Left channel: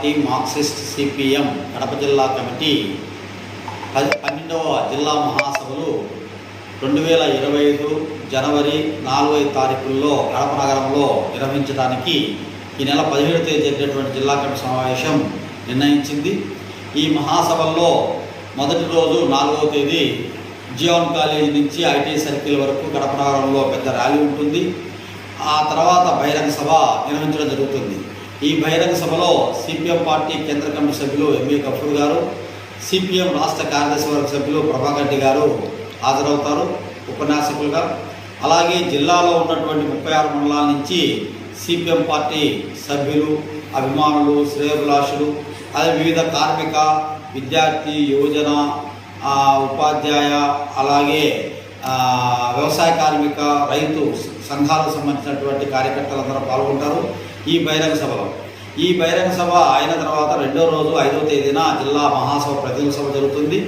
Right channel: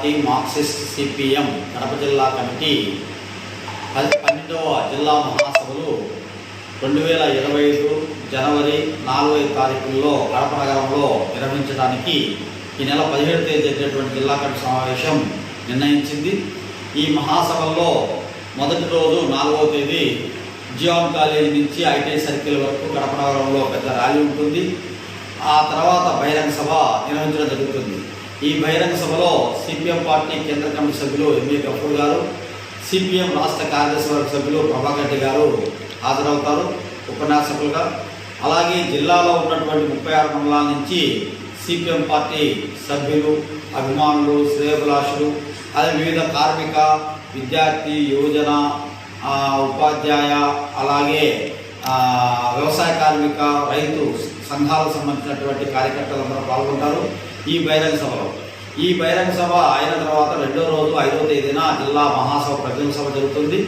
Party Marxist CPM Kadapa జిల్లా committee 12వ జిల్లా మహాసభలు 2025 జనవరి 4వ తారీఖుల్లో కడప నగరంలో నిర్వహించడానికి ఈ నెల 17వ తేదీ జరిగినటువంటి జిల్లా కమిటీ సమావేశం నిర్ణయించింది. ఈ మహాసభల్లో మొదటి రోజు 4వ తేదీ జియాన్ కాలేజీ నుంచి ఐటీ సర్కిల్ వరకు కడప నగరంలో పెద్ద ర్యాలీ ఉంటుంది. ఆ తర్వాత బహిరంగ సభ నిర్వహించడం జరుగుతుంది. ఈ బహిరంగ సభలో సిపిఎం పార్టీ కేంద్ర కమిటీ సభ్యులు ఎంఏ గఫూర్ గారు, సిపిఎం రాష్ట్ర కార్యదర్శి వర్గ సభ్యులు ప్రభాకర్ రెడ్డి గారు హాజరవుతారు ఉపన్యాసకులుగా. అలాగే జిల్లాలో ఉన్నటువంటి 36 మండలాల నుంచి సిపిఎం పార్టీ సభ్యులు, అభిమానులు, శ్రేయోభిలాషులు, అదే వివిధ కార్మిక, విద్యార్థి, యువజన, ఉపాధ్యాయ, అలాగే వ్యవసాయ కార్మిక, రైతు సంఘాలకు సంబంధించినటువంటి కార్యకర్తలందరూ పాల్గొంటారు ఈ బహిరంగ సభలో. ఈ బహిరంగ సభ అయిన తర్వాత రెండో రోజు 5వ తేదీన జిల్లా మహాసభ ప్రతినిధుల సభ జరుగుతుంది.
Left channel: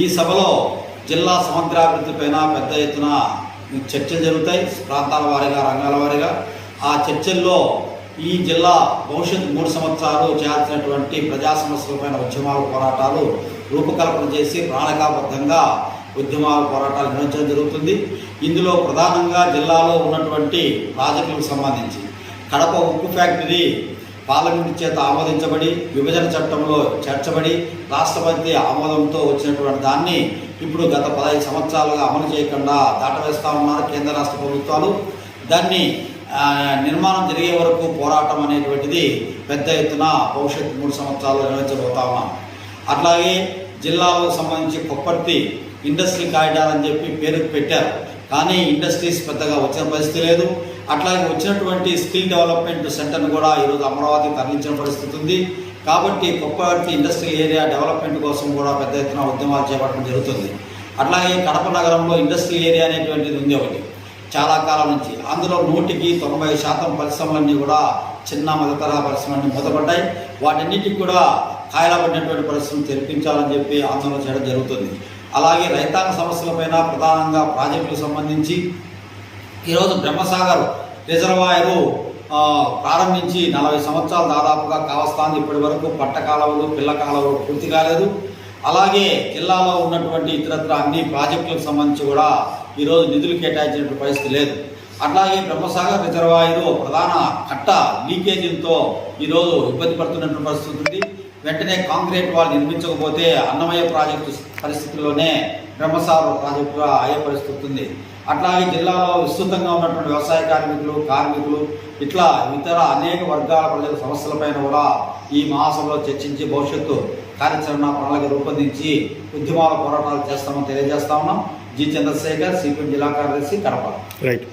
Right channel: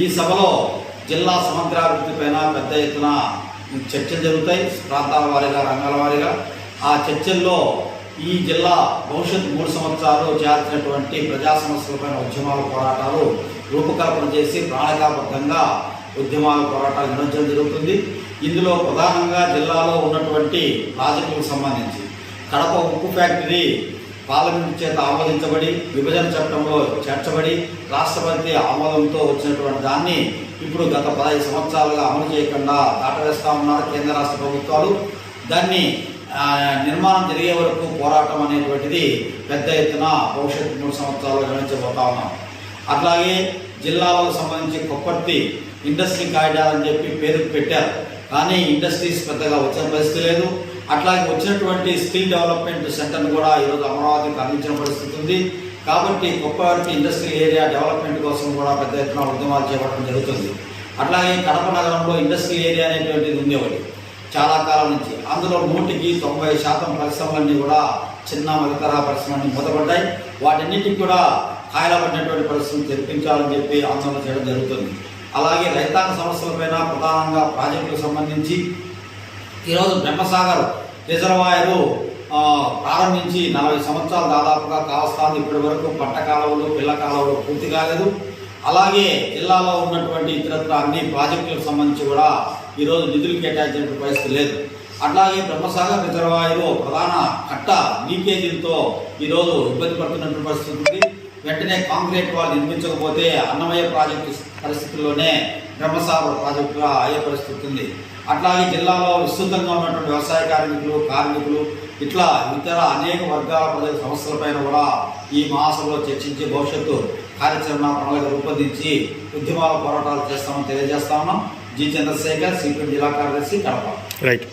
ఈ సభలో జిల్లా సమగ్రాభివృద్ధిపైన పెద్ద ఎత్తున చర్చలు జరుగుతాయి, ప్రాంతాల వారీగా, రంగాల వారీగా. ఆ చర్చల్లో ఈ జిల్లా భవిష్యత్తు 3 సంవత్సరాలు చేయాల్సినటువంటి ప్రజా సమస్యలపైన ఉద్యమాల పోరాటాలు రూపకల్పన చేసి ప్రణాళికాబద్ధంగా ఉద్యమాల పోరాటాలు నిర్వహించడం జరుగుతుంది. ఇందులో ప్రధానంగా జిల్లాలో ఉన్నటువంటి ప్రాజెక్టులకు సంబంధించి కడప ఉక్కు ఫ్యాక్టరీ పార్లమెంటు చేత ఆమోదించబడి విభజన చట్టంలో చేర్చబడి రాష్ట్రపతి ఆమోదంతో వచ్చినటువంటి దాన్ని ఇప్పుడు గత 15 సంవత్సరాలుగా అమలు చేయకుండా దాటవేస్తూ ఉన్నారు కేంద్ర రాష్ట్ర ప్రభుత్వాలు. దాన్ని నిర్మాణం జరిగే వరకు పోరాటం అనేటువంటిది పెద్ద ఎత్తున భవిష్యత్తు 3 సంవత్సరాలు నిర్వహించబోతా ఉన్నాం. అట్లాగే జిల్లాలకు సంబంధించి కొప్పర్తి ఇండస్ట్రీ కారిడార్ అని చెప్పి పేరు పెట్టారు, కానీ ఇండస్ట్రీస్ పెద్దగా వచ్చిన పరిస్థితి లేదు. అట్లాగే వచ్చినటువంటి స్కిల్ డెవలప్మెంట్ సెంటర్ను కూడా ఈరోజు అమరావతికి తరలించిన పరిస్థితి ఉంది. కాబట్టి కొప్పర్తి ఇండస్ట్రియల్ ఏరియా డెవలప్మెంట్ కోసం కూడా పెద్ద ఎత్తున ఉద్యమాలు చేపట్టడం జరుగుతుంది. అట్లాగే కడప నగరంలో ఇండస్ట్రియల్ ఏరియా అనేటువంటిది ఉంది ఒకటి చాలా కాలం నుంచి. అందులో 100% పరిశ్రమలన్నీ కూడా చిన్న మధ్యతరహా పరిశ్రమలన్నీ మూతపడ్డాయి. వాటన్నిటికి కూడా కాయలబడినటువంటి పరిశ్రమలు తెరిపించాలని చెప్పి ఆందోళన చేయడం జరుగుతుంది. అలాగే రైతాంగ సమస్యలపైన ప్రధానంగా ప్రాజెక్టులకు సంబంధించి ఈరోజు బ్రహ్మసాగర్ రిజర్వాయరు ప్రారంభించి 40 సంవత్సరాలు దాదాపుగా కావస్తాంది. ఇప్పటి వరకు పట్ట కాలువలు, పిల్ల కాలువలు పూర్తి కాలేదు. అలాగే జిల్లాలో ఉన్నటువంటి ఇతరత్ర అన్ని ప్రాజెక్టులకు సంబంధించి కూడా ఈరోజు నిధులు కేటాయించిన పరిస్థితి లేదు. అట్లాగే బ్రహ్మసాగర్ రిజర్వాయరు ప్రధాన కట్ట లీకేజీలతో ఈరోజు ఇబ్బంది పడుతున్నటువంటి పరిస్థితి ఉంది. వెంటనే కాంక్రీట్ వాళ్ళు నిర్మించకపోతే అన్నమయ్య ప్రాజెక్టు పరిస్థితుల్లోనే బ్రహ్మసాగర్ ప్రాజెక్టుగా అయ్యే పరిస్థితి ఉంది. అట్లాగే జిల్లాలో విస్తృతంగా ఉన్నటువంటి వ్యవసాయ కార్మికులు ఇట్లా ఇతర అనేక వర్గాల ప్రజల సమస్యలపైన కూడా ఈ మహాసభలో చర్చించి భవిష్యత్తు కార్యాచరణ ప్రణాళిక రూపొందించి ఉద్యమాల పోరాటాలు చేస్తామని తెలియజేస్తా ఉన్నాం. జి చంద్రశేఖర్, సిపిఎం జిల్లా కార్యదర్శి, కడప. రైట్.